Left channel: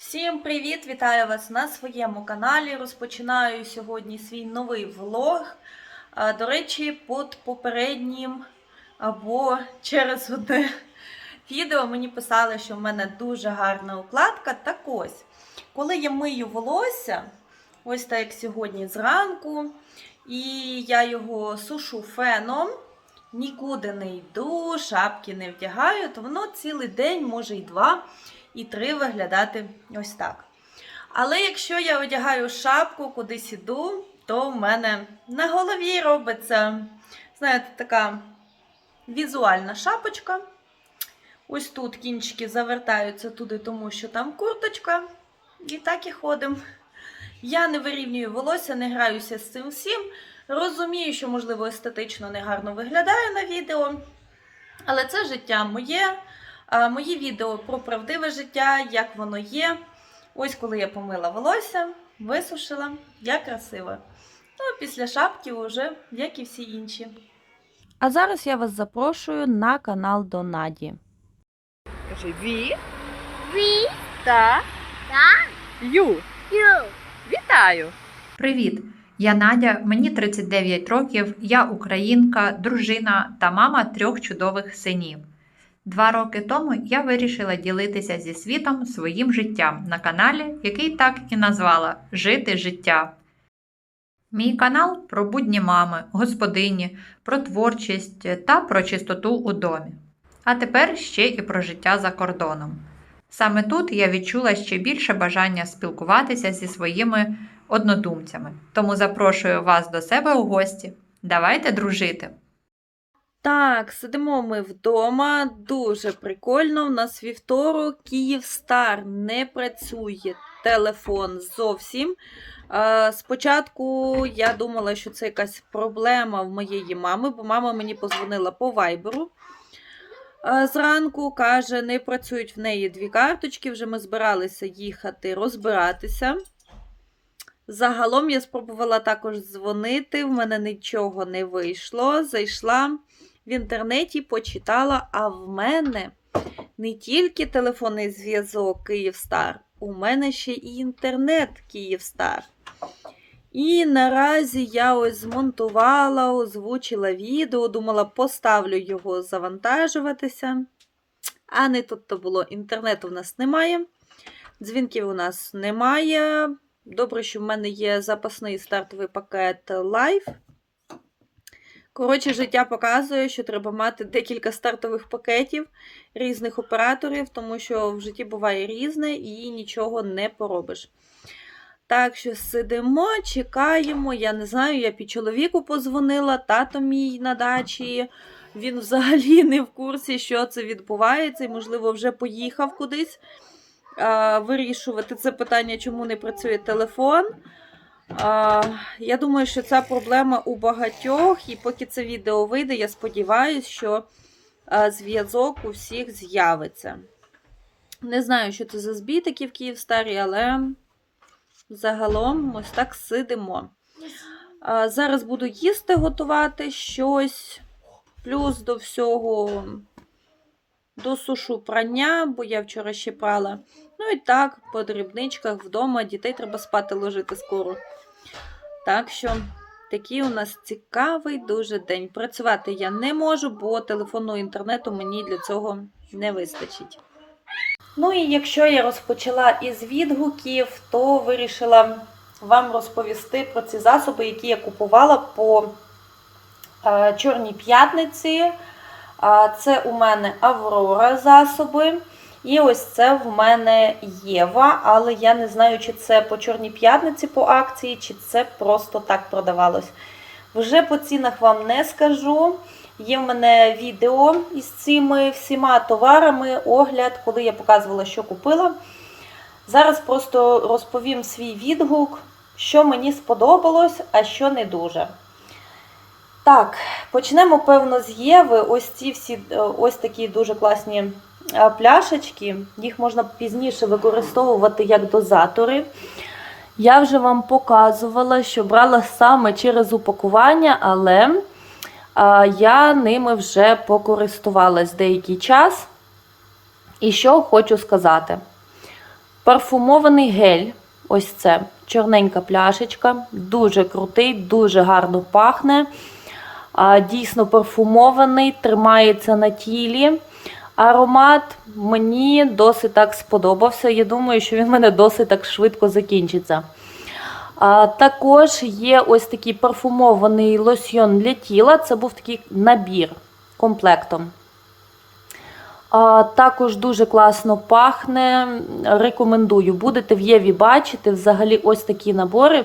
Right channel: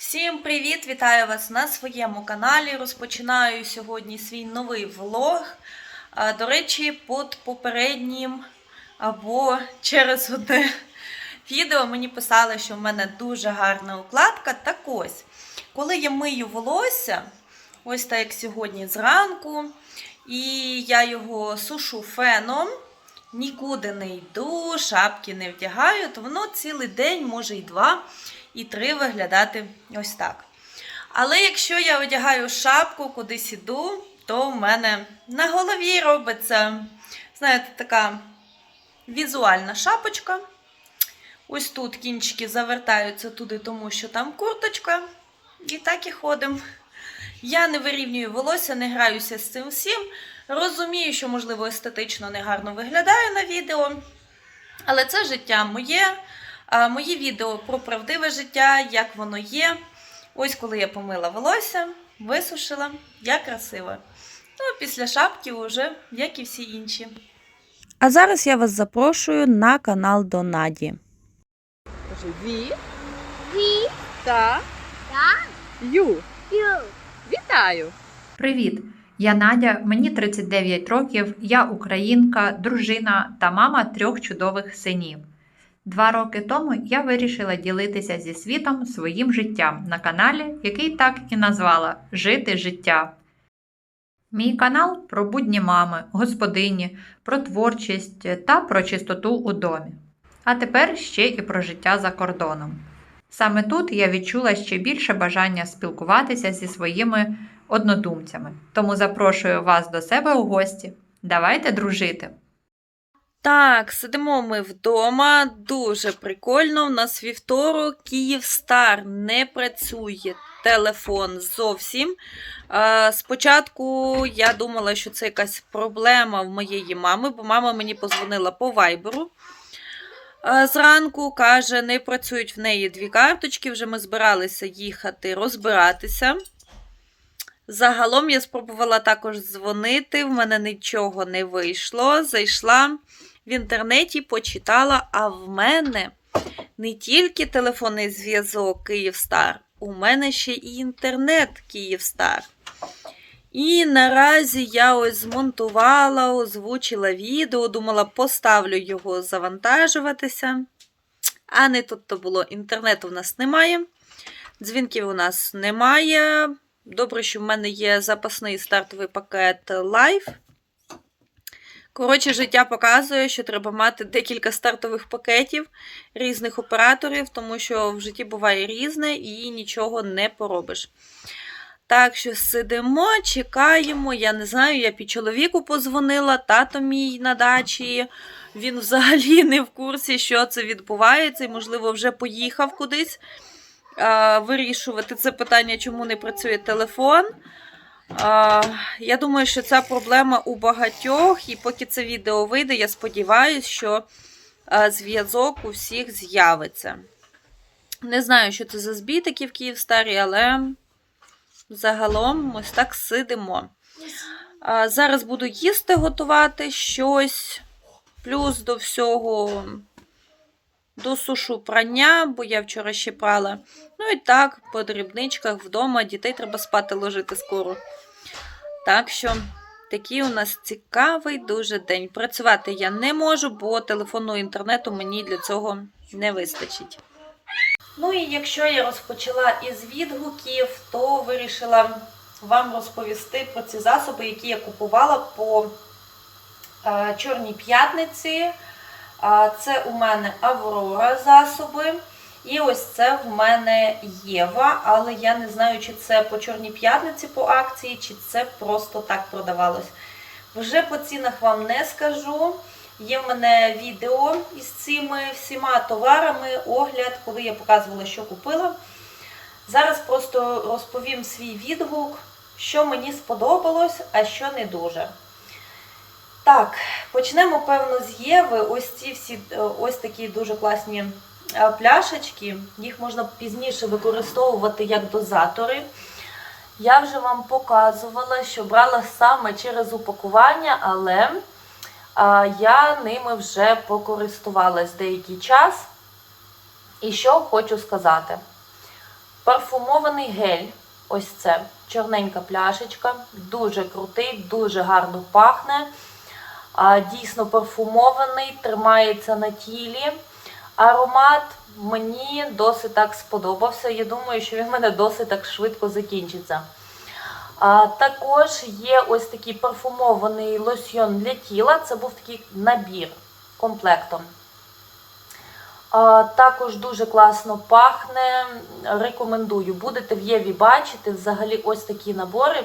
Всім привіт! Вітаю вас на своєму каналі. Розпочинаю сьогодні свій новий влог. До речі, під попереднім або через одне відео мені писали, що в мене дуже гарна укладка. Так ось, коли я мию волосся, ось так як сьогодні зранку, і я його сушу феном, нікуди не йду, шапки не вдягаю, то воно цілий день, може і два і три виглядати ось так. Але якщо я одягаю шапку, кудись іду, то в мене на голові робиться, знаєте, така візуальна шапочка. Ось тут кінчики завертаються туди, тому що там курточка. І так і ходимо. Я не вирівнюю волосся, не граюся з цим всім. Розумію, що, можливо, естетично негарно виглядаю на відео. Але це життя моє. Мої відео про правдиве життя, як воно є. Ось коли я помила волосся, висушила, я красива. Ну, після шапки вже, як і всі інші. А зараз я вас запрошую на канал до Наді. Кажи Ві Ві та та Ю. ю. Вітаю! Привіт! Я Надя, мені 39 років, я українка, дружина та мама трьох чудових синів. Два роки тому я вирішила ділитися зі світом своїм життям на каналі, який так і назвала Жити життя. Мій канал про будні мами, господині, про творчість та про чистоту у домі. А тепер ще і про життя за кордоном. Саме тут я відчула ще більше бажання спілкуватися зі своїми однодумцями. Тому запрошую вас до себе у гості. Давайте дружити! Так, сидимо ми вдома. Дуже прикольно. У нас вівторок, Київстар не працює телефон зовсім. Е, Спочатку я думала, що це якась проблема в моєї мами, бо мама мені позвонила по вайберу. Е, Зранку каже, не працюють в неї дві карточки. Вже ми збиралися їхати розбиратися. Загалом я спробувала також дзвонити, в мене нічого не вийшло. Зайшла в інтернеті, почитала, а в мене не тільки телефонний зв'язок Київстар, у мене ще і інтернет Київстар. І наразі я ось змонтувала, озвучила відео, думала, поставлю його завантажуватися. А не тут то було. Інтернету в нас немає, дзвінків у нас немає. Добре, що в мене є запасний стартовий пакет Live. Коротше, життя показує, що треба мати декілька стартових пакетів різних операторів, тому що в житті буває різне і нічого не поробиш. Так що сидимо, чекаємо. Я не знаю, я під чоловіку позвонила, тато мій на дачі. Він взагалі не в курсі, що це відбувається, і, можливо, вже поїхав кудись а, вирішувати це питання, чому не працює телефон. Я думаю, що ця проблема у багатьох, і поки це відео вийде, я сподіваюся, що зв'язок у всіх з'явиться. Не знаю, що це за збій такі в Київстарі, але загалом ось так сидимо. Зараз буду їсти готувати щось, плюс до всього досушу прання, бо я вчора ще прала. Ну і так, по дрібничках вдома дітей треба спати ложити скоро. Так що такий у нас цікавий дуже день. Працювати я не можу, бо телефонного інтернету мені для цього не вистачить. Ну і якщо я розпочала із відгуків, то вирішила вам розповісти про ці засоби, які я купувала по е, Чорній п'ятниці. Це у мене Аврора засоби. І ось це в мене Єва, але я не знаю, чи це по Чорній п'ятниці по акції, чи це просто так продавалось. Вже по цінах вам не скажу. Є в мене відео із цими всіма товарами, огляд, коли я показувала, що купила. Зараз просто розповім свій відгук, що мені сподобалось, а що не дуже. Так, почнемо, певно, з Єви. Ось ці всі е, ось такі дуже класні пляшечки. Їх можна пізніше використовувати як дозатори. Я вже вам показувала, що брала саме через упакування, але я ними вже покористувалась деякий час. І що хочу сказати. Парфумований гель. Ось це чорненька пляшечка, дуже крутий, дуже гарно пахне. Дійсно парфумований, тримається на тілі. Аромат мені досить так сподобався. Я думаю, що він мене досить так швидко закінчиться. А, також є ось такий парфумований лосьйон для тіла. Це був такий набір комплектом. А, також дуже класно пахне. Рекомендую. Будете в Єві бачити взагалі ось такі набори.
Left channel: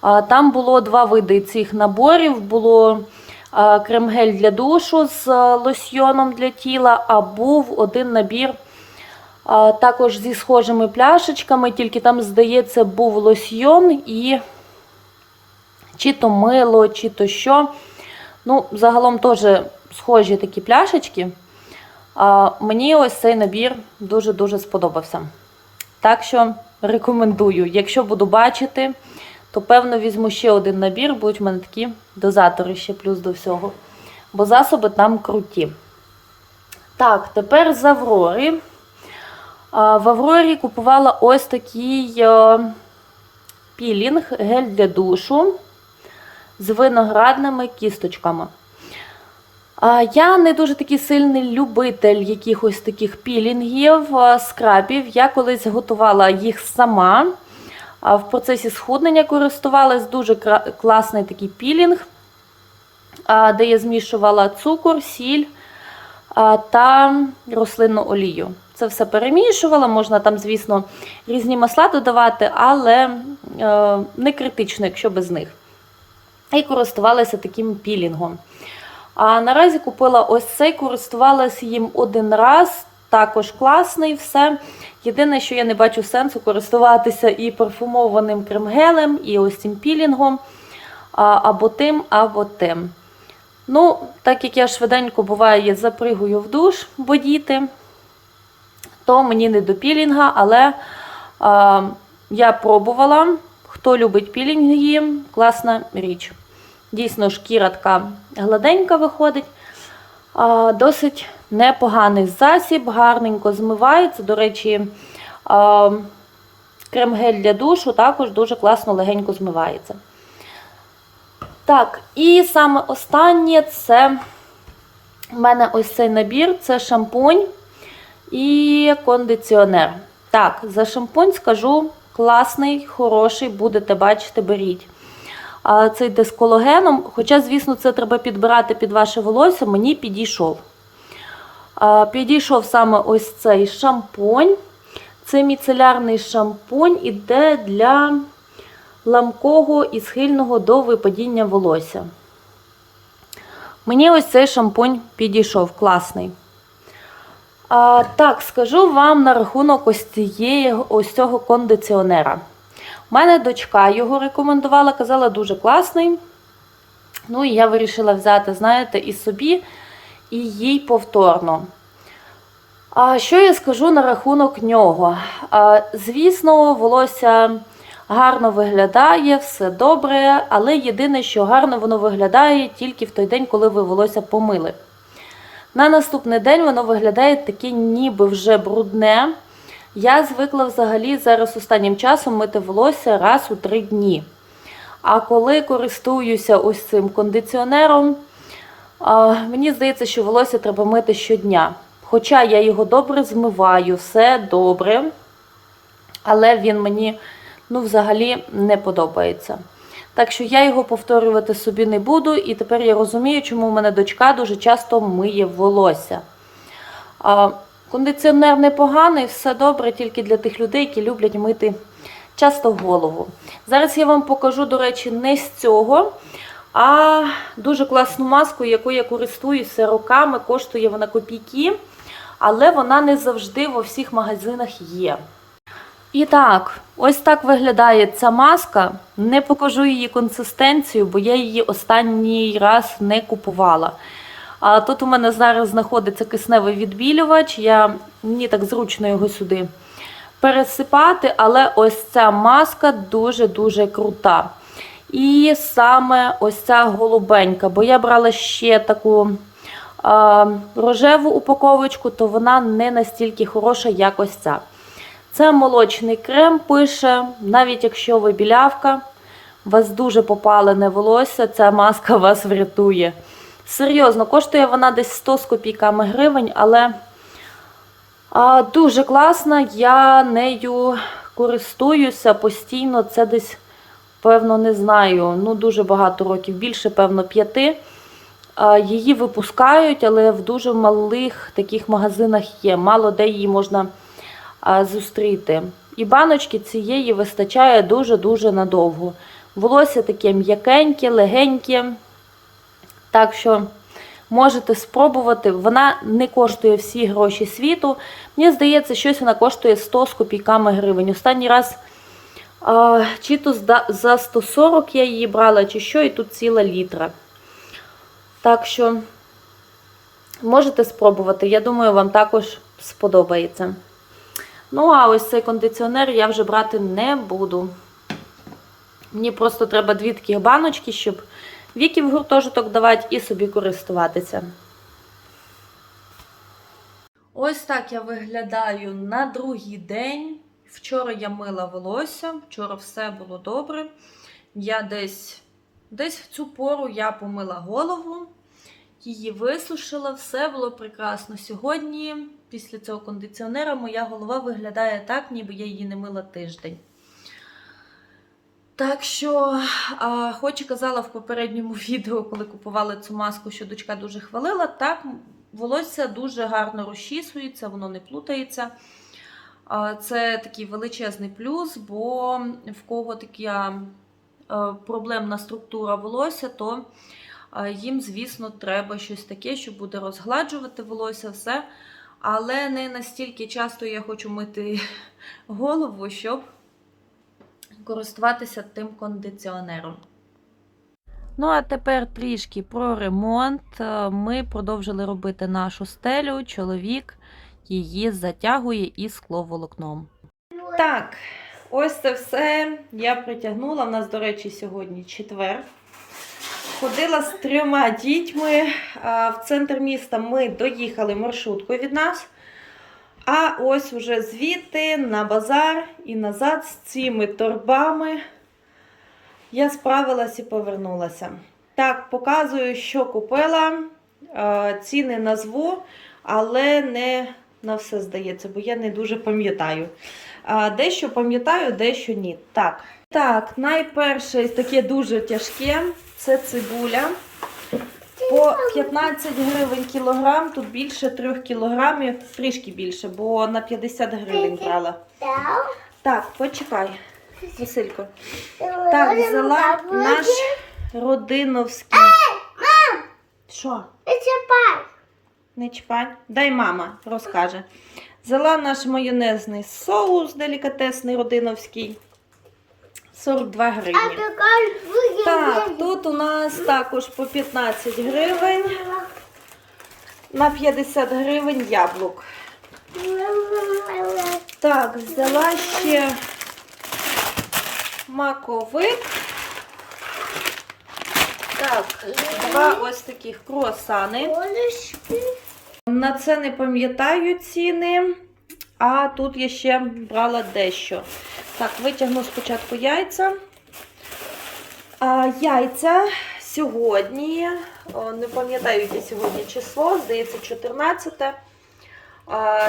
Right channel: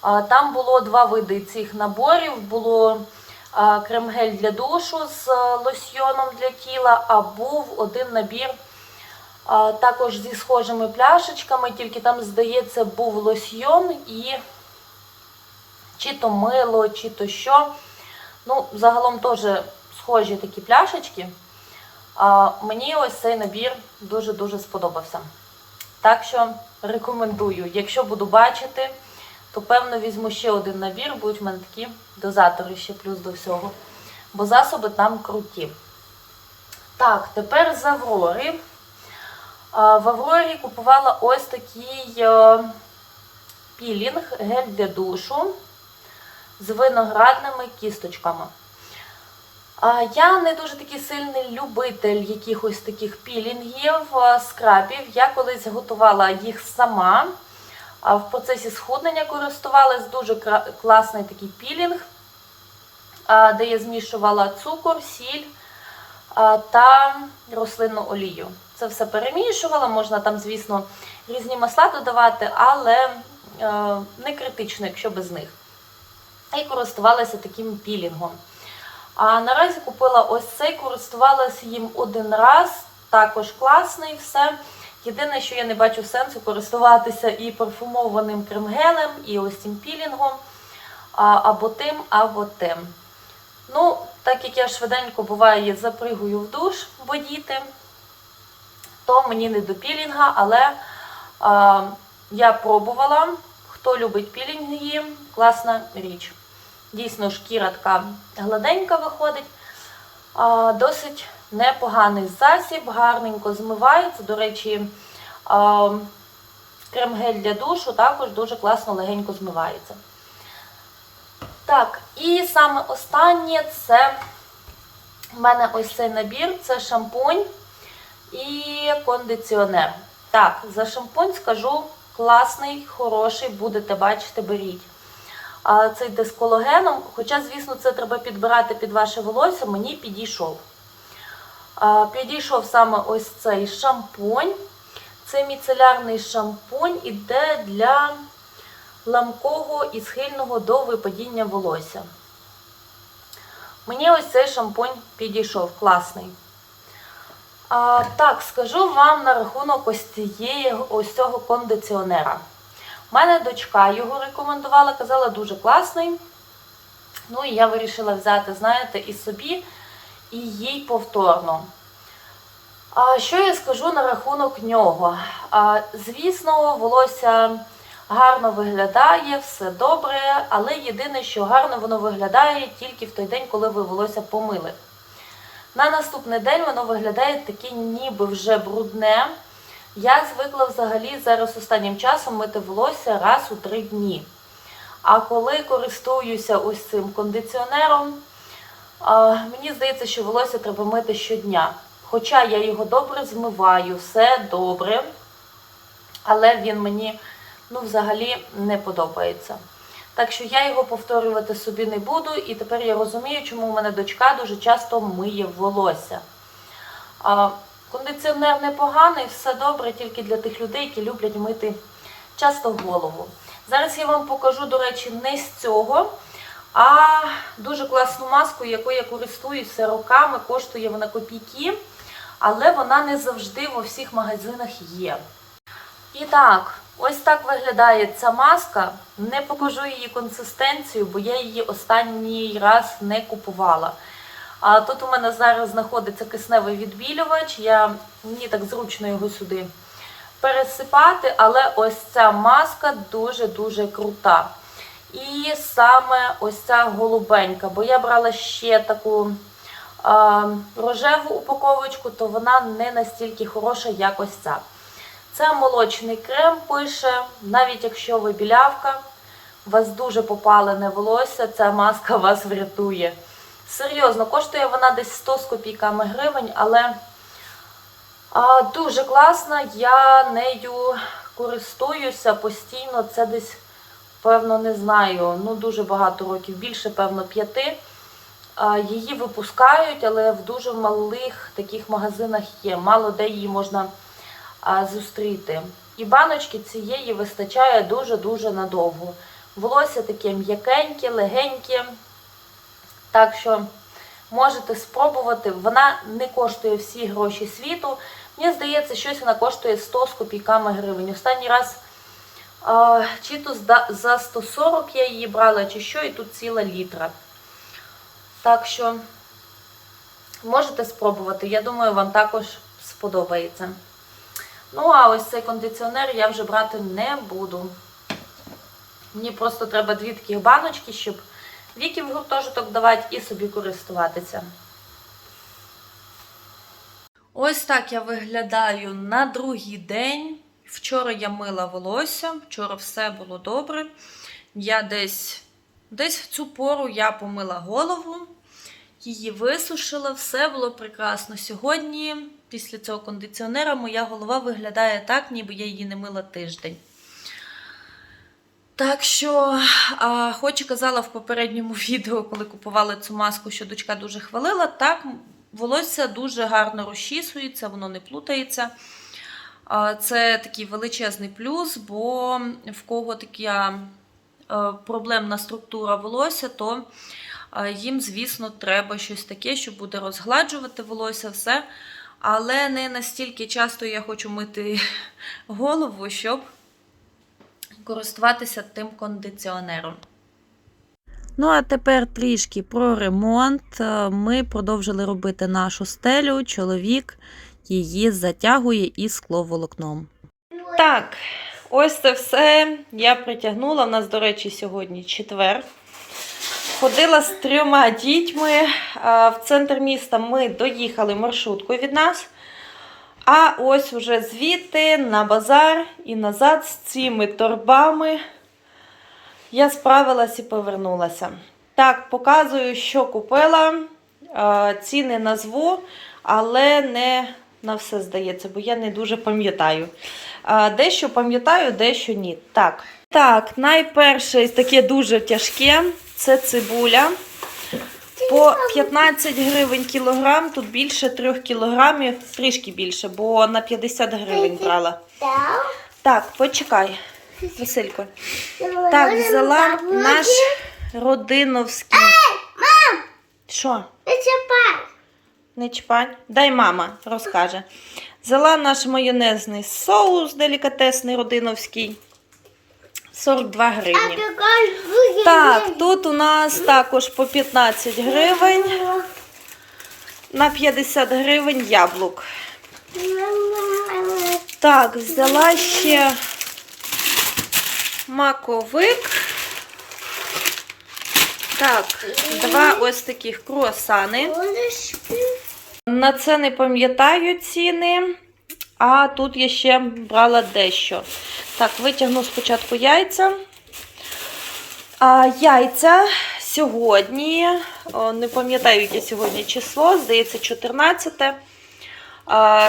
А, там було два види цих наборів. Було крем-гель для душу з лосьйоном для тіла, а був один набір також зі схожими пляшечками, тільки там, здається, був лосьйон і чи то мило, чи то що. Ну, загалом теж схожі такі пляшечки. Мені ось цей набір дуже-дуже сподобався. Так що рекомендую. Якщо буду бачити, то певно візьму ще один набір, будуть в мене такі дозатори ще плюс до всього. Бо засоби там круті. Так, тепер з Аврори. В Аврорі купувала ось такий е, пілінг, гель для душу з виноградними кісточками. Я не дуже такий сильний любитель якихось таких пілінгів, скрабів. Я колись готувала їх сама. В процесі схуднення користувалась дуже класний такий пілінг, де я змішувала цукор, сіль та рослинну олію. Це все перемішувала, можна там, звісно, різні масла додавати, але е, не критично, якщо без них. І користувалася таким пілінгом. А наразі купила ось цей, користувалася їм один раз, також класний, все. Єдине, що я не бачу сенсу користуватися і парфумованим крем-гелем, і ось цим пілінгом, або тим, або тим. Ну, так як я швиденько буває, я запригую в душ водіти, то мені не до пілінга, але а, я пробувала. Хто любить пілінги, класна річ. Дійсно, шкіра така гладенька виходить. Досить непоганий засіб, гарненько змивається. До речі, крем-гель для душу також дуже класно легенько змивається. Так, і саме останнє це в мене ось цей набір це шампунь і кондиціонер. Так, за шампунь скажу класний, хороший, будете бачити, беріть. А цей йде з кологеном, хоча, звісно, це треба підбирати під ваше волосся, мені підійшов. Підійшов саме ось цей шампунь. Це міцелярний шампунь іде для ламкого і схильного до випадіння волосся. Мені ось цей шампунь підійшов, класний. А, так, скажу вам на рахунок ось, цієї, ось цього кондиціонера. У мене дочка його рекомендувала, казала, дуже класний. Ну і я вирішила взяти, знаєте, і собі, і їй повторно. А що я скажу на рахунок нього? А, звісно, волосся гарно виглядає, все добре, але єдине, що гарно воно виглядає тільки в той день, коли ви волосся помили. На наступний день воно виглядає таке ніби вже брудне. Я звикла взагалі зараз останнім часом мити волосся раз у три дні. А коли користуюся ось цим кондиціонером, мені здається, що волосся треба мити щодня. Хоча я його добре змиваю, все добре, але він мені ну, взагалі не подобається. Так що я його повторювати собі не буду, і тепер я розумію, чому в мене дочка дуже часто миє волосся. Кондиціонер непоганий, все добре, тільки для тих людей, які люблять мити часто в голову. Зараз я вам покажу, до речі, не з цього, а дуже класну маску, якою я користуюся роками, коштує вона копійки, але вона не завжди в всіх магазинах є. І так, ось так виглядає ця маска. Не покажу її консистенцію, бо я її останній раз не купувала. А тут у мене зараз знаходиться кисневий відбілювач. Я, мені так зручно його сюди пересипати, але ось ця маска дуже-дуже крута. І саме ось ця голубенька, бо я брала ще таку а, рожеву упаковочку, то вона не настільки хороша, як ось ця. Це молочний крем пише, навіть якщо ви білявка, у вас дуже попалене волосся, ця маска вас врятує. Серйозно, коштує вона десь 100 з копійками гривень, але а, дуже класна. Я нею користуюся постійно. Це десь, певно, не знаю, ну дуже багато років, більше, певно, п'яти. Її випускають, але в дуже малих таких магазинах є. Мало де її можна а, зустріти. І баночки цієї вистачає дуже-дуже надовго. Волосся таке м'якеньке, легеньке. Так що можете спробувати. Вона не коштує всі гроші світу. Мені здається, щось вона коштує 100 з копійками гривень. Останній раз а, чи то за 140 я її брала, чи що, і тут ціла літра. Так що можете спробувати. Я думаю, вам також сподобається. Ну, а ось цей кондиціонер я вже брати не буду. Мені просто треба дві таких баночки, щоб віки в гуртожиток давати і собі користуватися. Ось так я виглядаю на другий день. Вчора я мила волосся, вчора все було добре. Я десь, десь в цю пору я помила голову, її висушила, все було прекрасно. Сьогодні, після цього кондиціонера, моя голова виглядає так, ніби я її не мила тиждень. Так що, хоч і казала в попередньому відео, коли купували цю маску, що дочка дуже хвалила, так, волосся дуже гарно розчісується, воно не плутається. Це такий величезний плюс, бо в кого така проблемна структура волосся, то їм, звісно, треба щось таке, що буде розгладжувати волосся, все. Але не настільки часто я хочу мити голову, щоб користуватися тим кондиціонером. Ну, а тепер трішки про ремонт. Е, Ми продовжили робити нашу стелю. Чоловік її затягує із скловолокном. Так, ось це все я притягнула. У нас, до речі, сьогодні четвер. Ходила з трьома дітьми. В центр міста ми доїхали маршруткою від нас. А ось уже звідти на базар і назад з цими торбами я справилась і повернулася. Так, показую, що купила. Ціни назву, але не на все здається, бо я не дуже пам'ятаю. Дещо пам'ятаю, дещо ні. Так, так, найперше таке дуже тяжке це цибуля. По 15 гривень кілограм, тут більше 3 кілограмів, трішки більше, бо на 50 гривень брала. Так, почекай, Василько. Так, взяла наш родиновський. Що? Не чпань. Дай мама розкаже. Взяла наш майонезний соус делікатесний родиновський. 42 гривні. Так, тут у нас також по 15 гривень. На 50 гривень яблук. Так, взяла ще маковик. Так, два ось таких круасани. На це не пам'ятаю ціни. А тут я ще брала дещо. Так, витягну спочатку яйця. А, яйця сьогодні, не пам'ятаю, яке сьогодні число, здається, 14.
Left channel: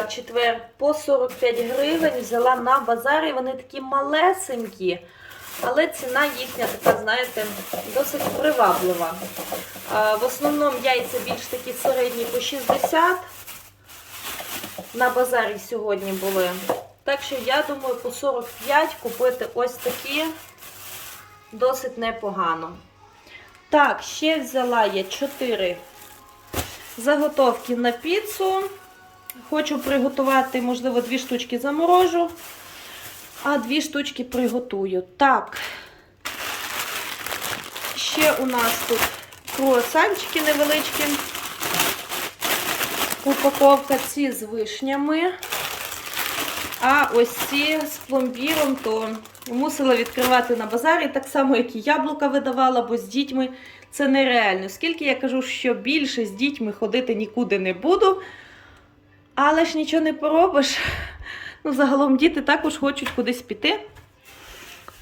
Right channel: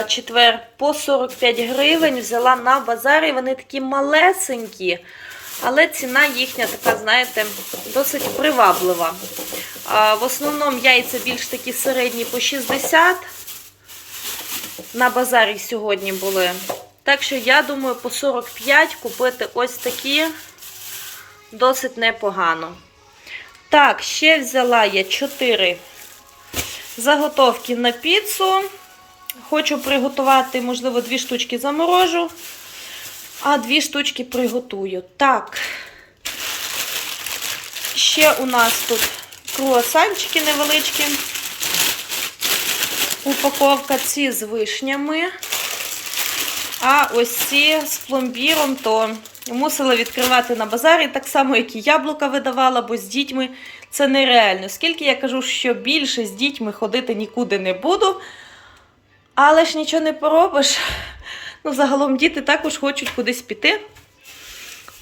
Четвер по 45 гривень взяла на базарі. Вони такі малесенькі, але ціна їхня така, знаєте, досить приваблива. В основному яйця більш такі середні по 60. На базарі сьогодні були. Так що, я думаю, по 45 купити ось такі досить непогано. Так, ще взяла я 4 заготовки на піцу. Хочу приготувати, можливо, дві штучки заморожу, а дві штучки приготую. Так, ще у нас тут круасанчики невеличкі. Упаковка ці з вишнями. А ось ці з пломбіром, то мусила відкривати на базарі, так само, як і яблука видавала, бо з дітьми це нереально. Скільки я кажу, що більше з дітьми ходити нікуди не буду. Але ж нічого не поробиш. Ну, загалом діти також хочуть кудись піти.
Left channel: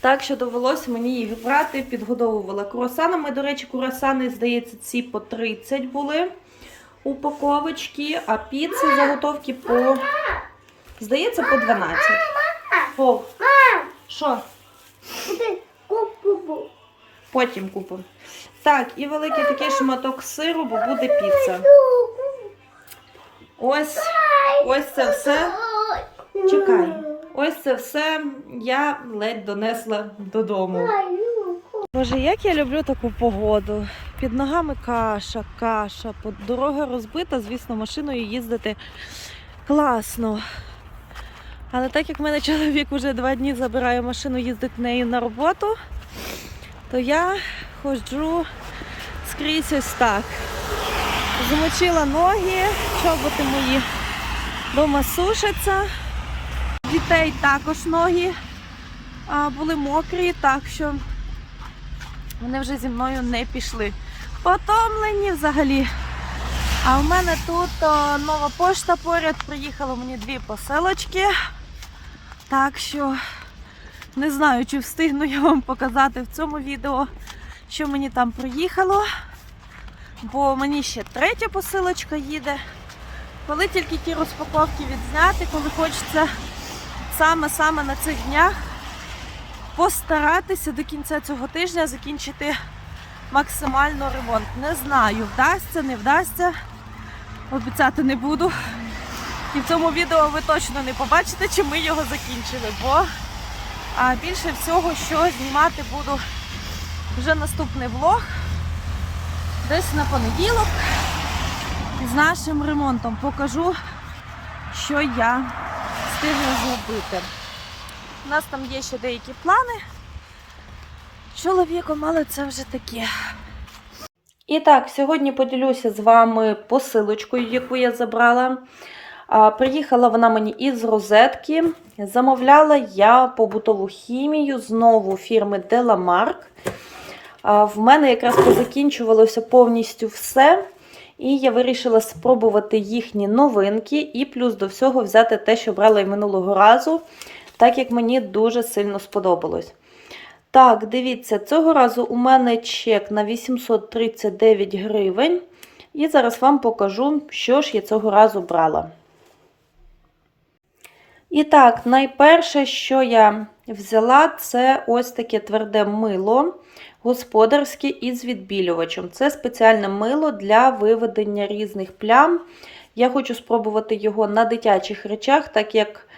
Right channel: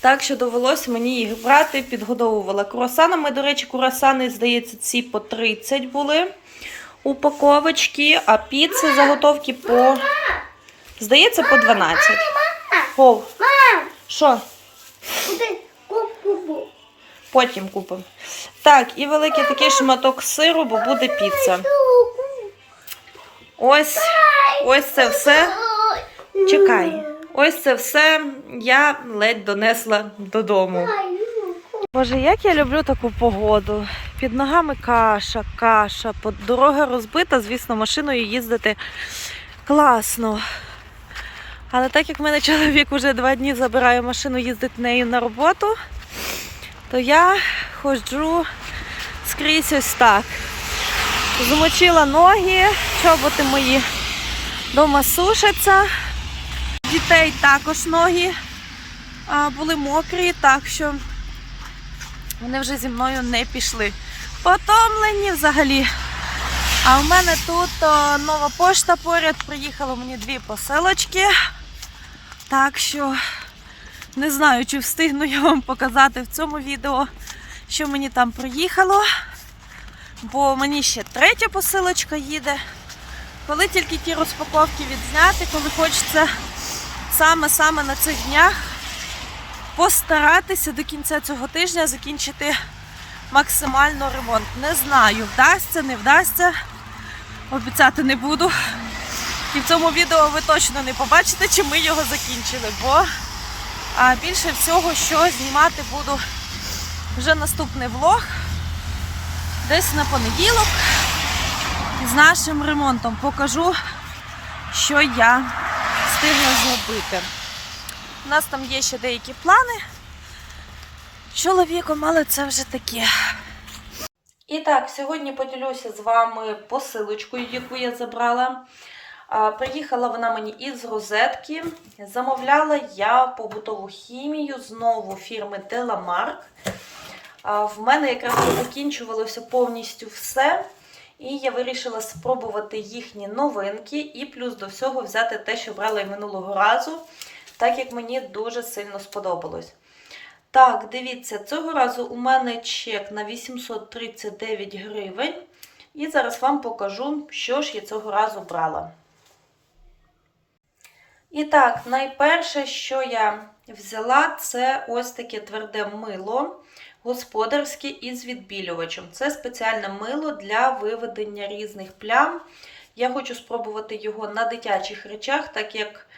Так що довелося мені їх брати, підгодовувала круасанами. До речі, круасани, здається, ці по 30 були упаковочки, а піци заготовки по, здається, по 12. О, що? Потім купимо. Так, і великий такий шматок сиру, бо буде піца. Ось, ось це все. Чекай. Ось це все я ледь донесла додому. Боже, як я люблю таку погоду. Під ногами каша, каша, дорога розбита, звісно, машиною їздити класно. Але так як в мене чоловік вже два дні забирає машину, їздить нею на роботу, то я ходжу скрізь ось так. Замочила ноги, чоботи мої дома сушаться. Дітей також ноги були мокрі, так що вони вже зі мною не пішли. Потомлені взагалі. А в мене тут о, нова пошта поряд. Приїхало мені дві посилочки. Так що не знаю, чи встигну я вам показати в цьому відео, що мені там приїхало. Бо мені ще третя посилочка їде. Коли тільки ті розпаковки відзняти, коли хочеться саме-саме на цих днях постаратися до кінця цього тижня закінчити максимально ремонт. Не знаю, вдасться, не вдасться. Обіцяти не буду. І в цьому відео ви точно не побачите, чи ми його закінчили, бо більше всього, що знімати буду вже наступний влог. Десь на понеділок з нашим ремонтом покажу, що я встигла зробити. У нас там є ще деякі плани чоловіком, але це вже таке. І так, сьогодні поділюся з вами посилочкою, яку я забрала. Приїхала вона мені із розетки. Замовляла я побутову хімію знову фірми. А, В мене якраз закінчувалося повністю все. І я вирішила спробувати їхні новинки, і плюс до всього взяти те, що брала і минулого разу, так як мені дуже сильно сподобалось. Так, дивіться, цього разу у мене чек на 839 гривень. І зараз вам покажу, що ж я цього разу брала. І так, найперше, що я взяла, це ось таке тверде мило господарське із відбілювачем. Це спеціальне мило для виведення різних плям. Я хочу спробувати його на дитячих речах, так як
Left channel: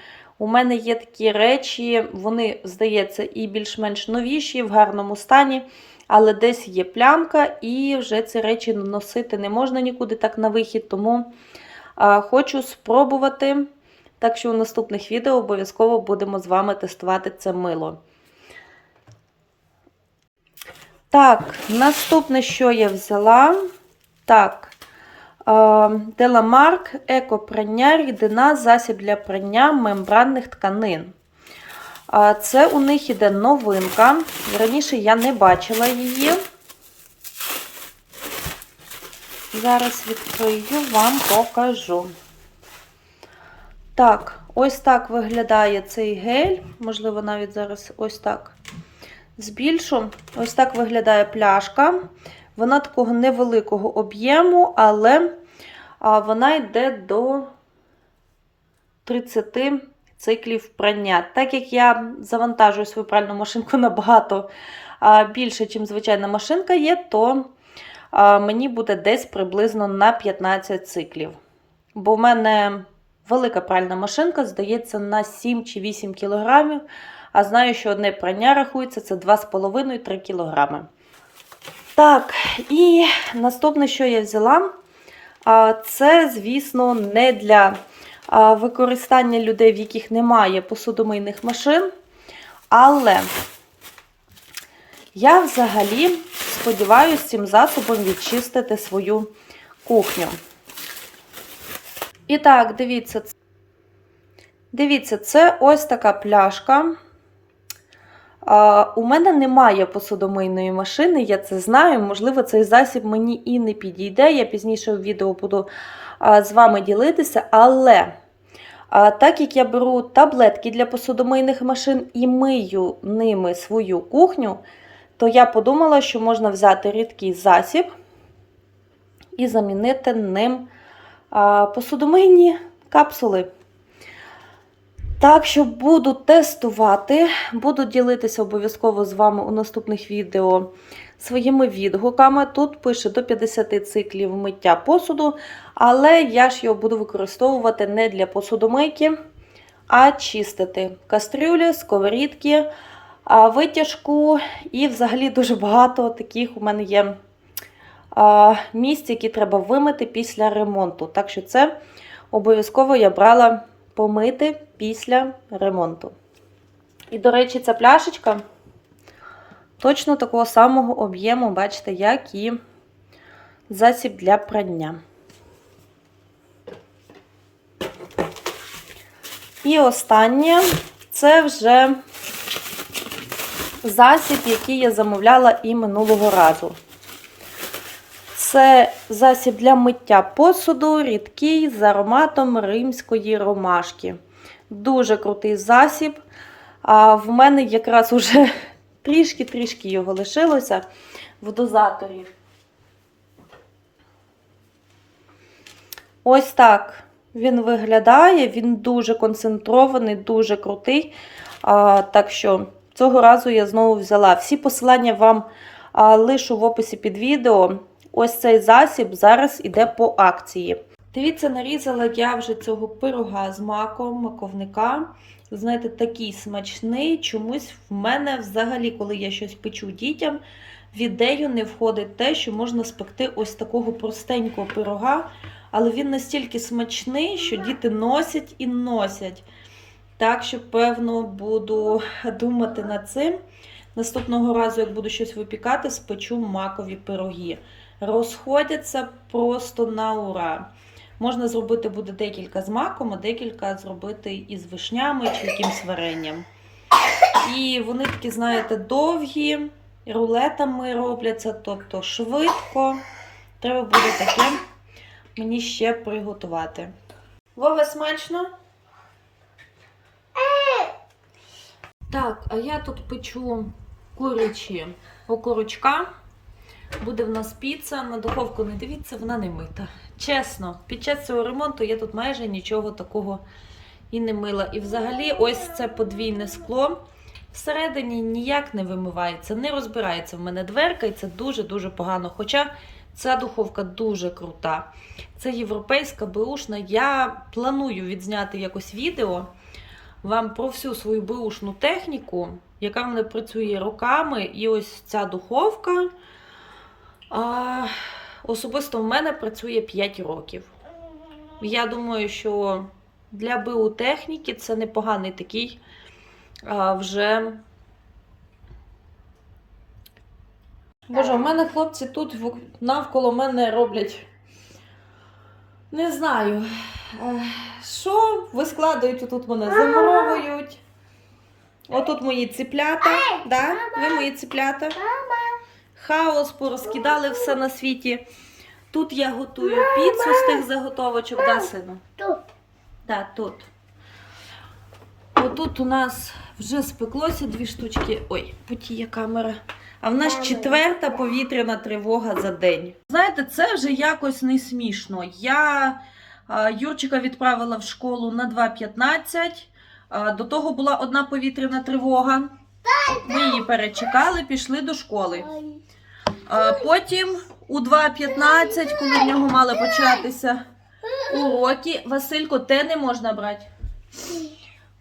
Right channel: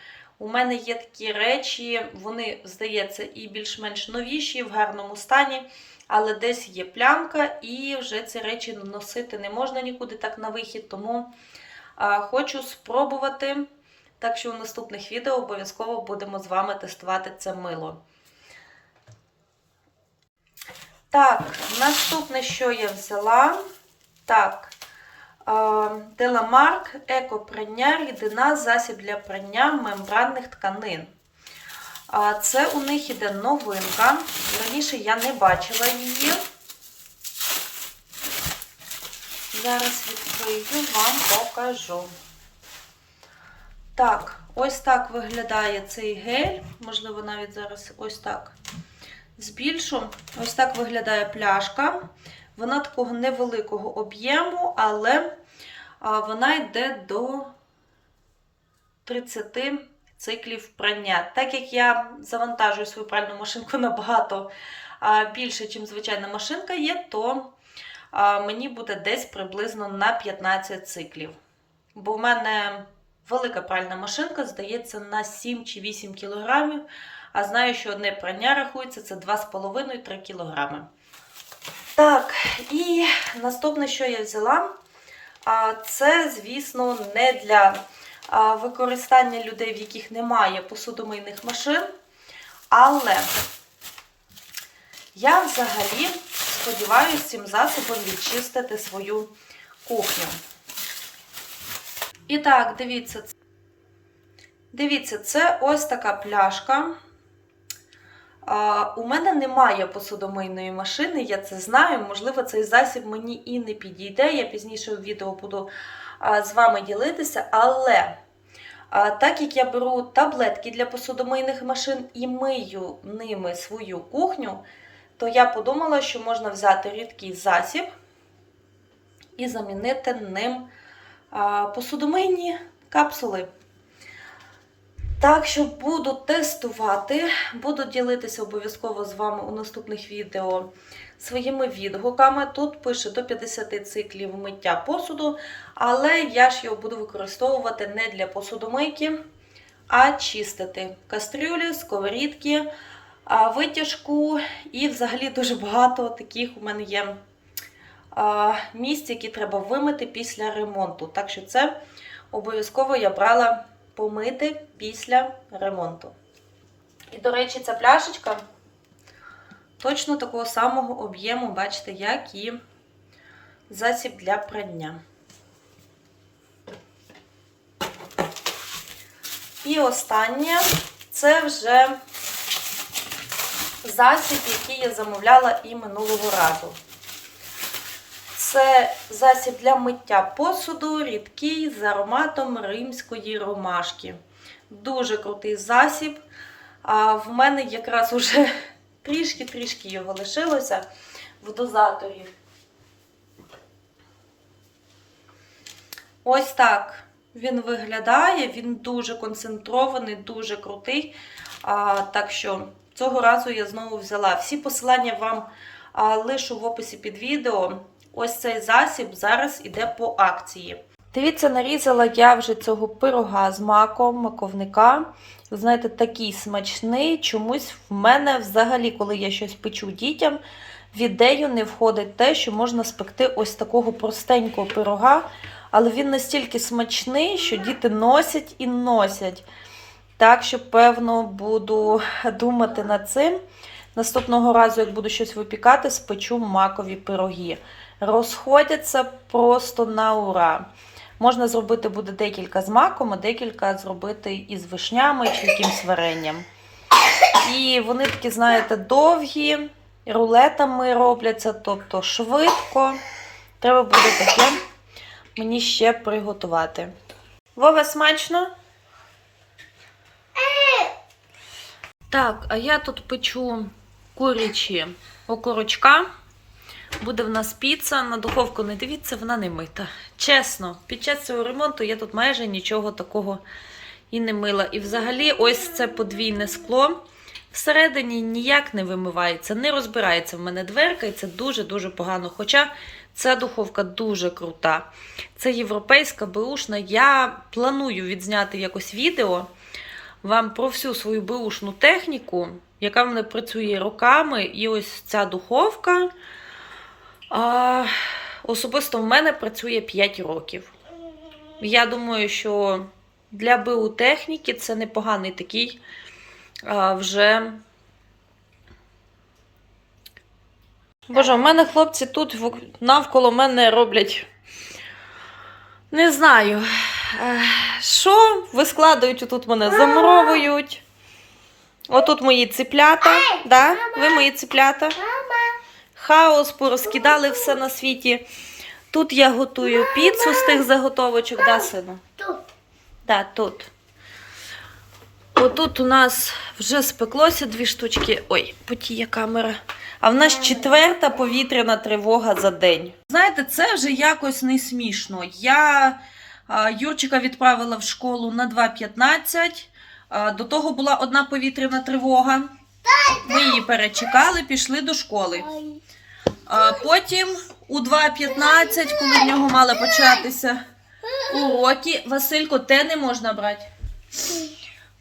у мене є такі речі, вони, здається, і більш-менш новіші, в гарному стані, але десь є плямка, і вже ці речі носити не можна нікуди так на вихід, тому а, хочу спробувати. Так що у наступних відео обов'язково будемо з вами тестувати це мило. Так, наступне, що я взяла. Так, Деламарк, екопрання, рідина, засіб для прання мембранних тканин. Це у них іде новинка. Раніше я не бачила її. Зараз відкрию, вам покажу. Так, ось так виглядає цей гель. Можливо, навіть зараз ось так збільшу. Ось так виглядає пляшка. Вона такого невеликого об'єму, але вона йде до 30 циклів прання. Так як я завантажую свою пральну машинку набагато більше, ніж звичайна машинка є, то мені буде десь приблизно на 15 циклів. Бо в мене велика пральна машинка, здається, на 7 чи 8 кілограмів. А знаю, що одне прання рахується це 2,5-3 кг. Так, і наступне, що я взяла, це, звісно, не для використання людей, в яких немає посудомийних машин. Але я взагалі сподіваюся цим засобом відчистити свою кухню. І так, дивіться, дивіться, це ось така пляшка. У мене немає посудомийної машини, я це знаю. Можливо, цей засіб мені і не підійде. Я пізніше в відео буду з вами ділитися, але А так як я беру таблетки для посудомийних машин і мию ними свою кухню, то я подумала, що можна взяти рідкий засіб і замінити ним посудомийні капсули. Так що буду тестувати, буду ділитися обов'язково з вами у наступних відео своїми відгуками. Тут пише до 50 циклів миття посуду, але я ж його буду використовувати не для посудомийки, а чистити кастрюлі, сковорідки, витяжку і взагалі дуже багато таких у мене є місць, які треба вимити після ремонту. Так що це обов'язково я брала помити після ремонту. І, до речі, ця пляшечка точно такого самого об'єму, бачите, як і засіб для прання. І останнє це вже засіб, який я замовляла і минулого разу. Це засіб для миття посуду, рідкий з ароматом римської ромашки. Дуже крутий засіб. А в мене якраз уже трішки-трішки його лишилося в дозаторі. Ось так він виглядає. Він дуже концентрований, дуже крутий. А, так що цього разу я знову взяла. Всі посилання вам лишу в описі під відео. Ось цей засіб зараз іде по акції. Дивіться, нарізала я вже цього пирога з маком, маковника. Знаєте, такий смачний. Чомусь в мене взагалі, коли я щось печу дітям, в ідею не входить те, що можна спекти ось такого простенького пирога. Але він настільки смачний, що діти носять і носять. Так що, певно, буду думати над цим. Наступного разу, як буду щось випікати, спечу макові пироги. Розходяться просто на ура. Можна зробити буде декілька з маком, а декілька зробити із вишнями чи якимсь варенням. І вони такі, знаєте, довгі, рулетами робляться, тобто швидко. Треба буде таке мені ще приготувати. Вова, смачно? Так, а я тут печу курячі окорочка. Буде в нас піца. На духовку не дивіться, вона не мита. Чесно, під час цього ремонту я тут майже нічого такого і не мила. І взагалі, ось це подвійне скло. Всередині ніяк не вимивається, не розбирається в мене дверка, і це дуже-дуже погано. Хоча ця духовка дуже крута. Це європейська беушна. Я планую відзняти якось відео вам про всю свою беушну техніку, яка в мене працює роками. І ось ця духовка. А, особисто в мене працює 5 років. Я думаю, що для БУ техніки це непоганий такий а, вже. Боже, у мене хлопці тут навколо мене роблять. Не знаю. Що вискладають отут мене, замуровують. Отут мої циплята. Да? Ви мої циплята. Хаос, порозкидали все на світі. Тут я готую піцу з тих заготовочок, да, сину? Тут. Да, тут. Отут у нас вже спеклося дві штучки. Ой, потіє камера. А в нас четверта повітряна тривога за день. Знаєте, це вже якось не смішно. Я Юрчика відправила в школу на 2.15. А, До того була одна повітряна тривога. Ми її перечекали, пішли до школи. Потім у 2.15, коли в нього мали початися уроки, Василько, те не можна брати.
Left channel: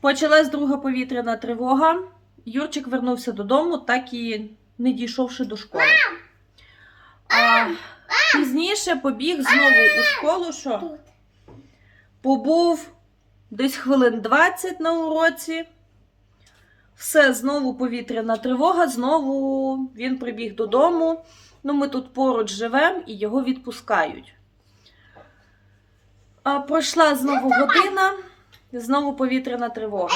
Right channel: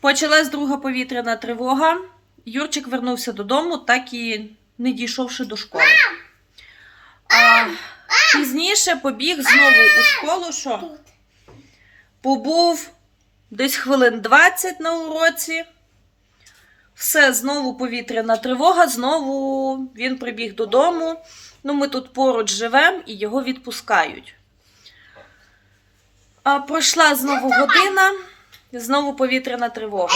Почалась друга повітряна тривога. Юрчик вернувся додому, так і не дійшовши до школи. А пізніше побіг знову у школу, що побув десь хвилин 20 на уроці. Все, знову повітряна тривога, знову він прибіг додому. Ну, ми тут поруч живемо і його відпускають. А пройшла знову година, знову повітряна тривога.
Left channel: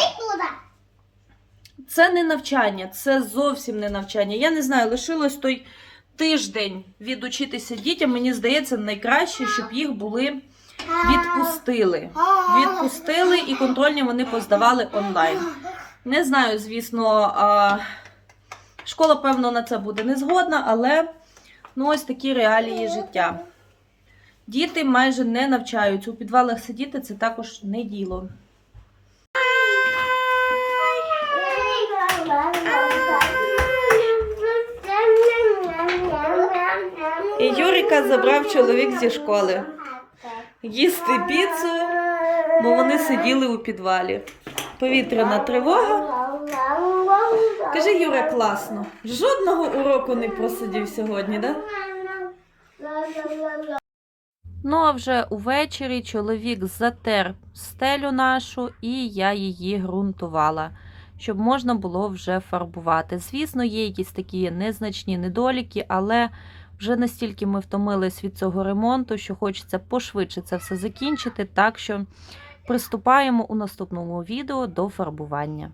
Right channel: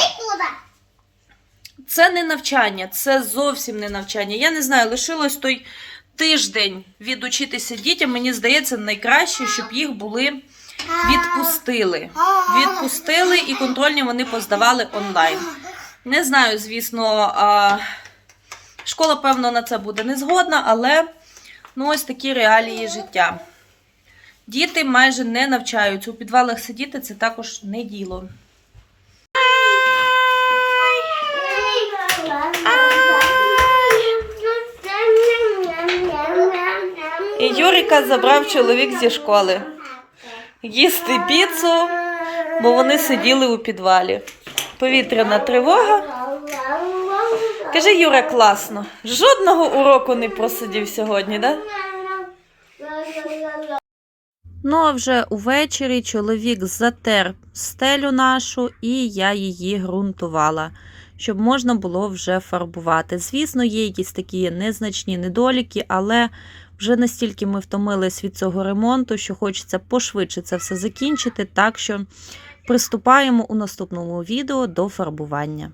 Це не навчання, це зовсім не навчання. Я не знаю, лишилось той тиждень відучитися дітям. Мені здається, найкраще, щоб їх були відпустили. Відпустили і контрольні вони поздавали онлайн. Не знаю, звісно, школа, певно, на це буде не згодна, але ну, ось такі реалії життя. Діти майже не навчаються. У підвалах сидіти це також не діло. І Юріка забрав чоловік зі школи. Їсти піцу, бо вони сиділи у підвалі. Повітряна тривога. Кажи, Юра, класно. Жодного уроку не просидів сьогодні, да? Ну а вже увечері чоловік затер стелю нашу, і я її ґрунтувала, щоб можна було вже фарбувати. Звісно, є якісь такі незначні недоліки, але вже настільки ми втомились від цього ремонту, що хочеться пошвидше це все закінчити. Так що приступаємо у наступному відео до фарбування.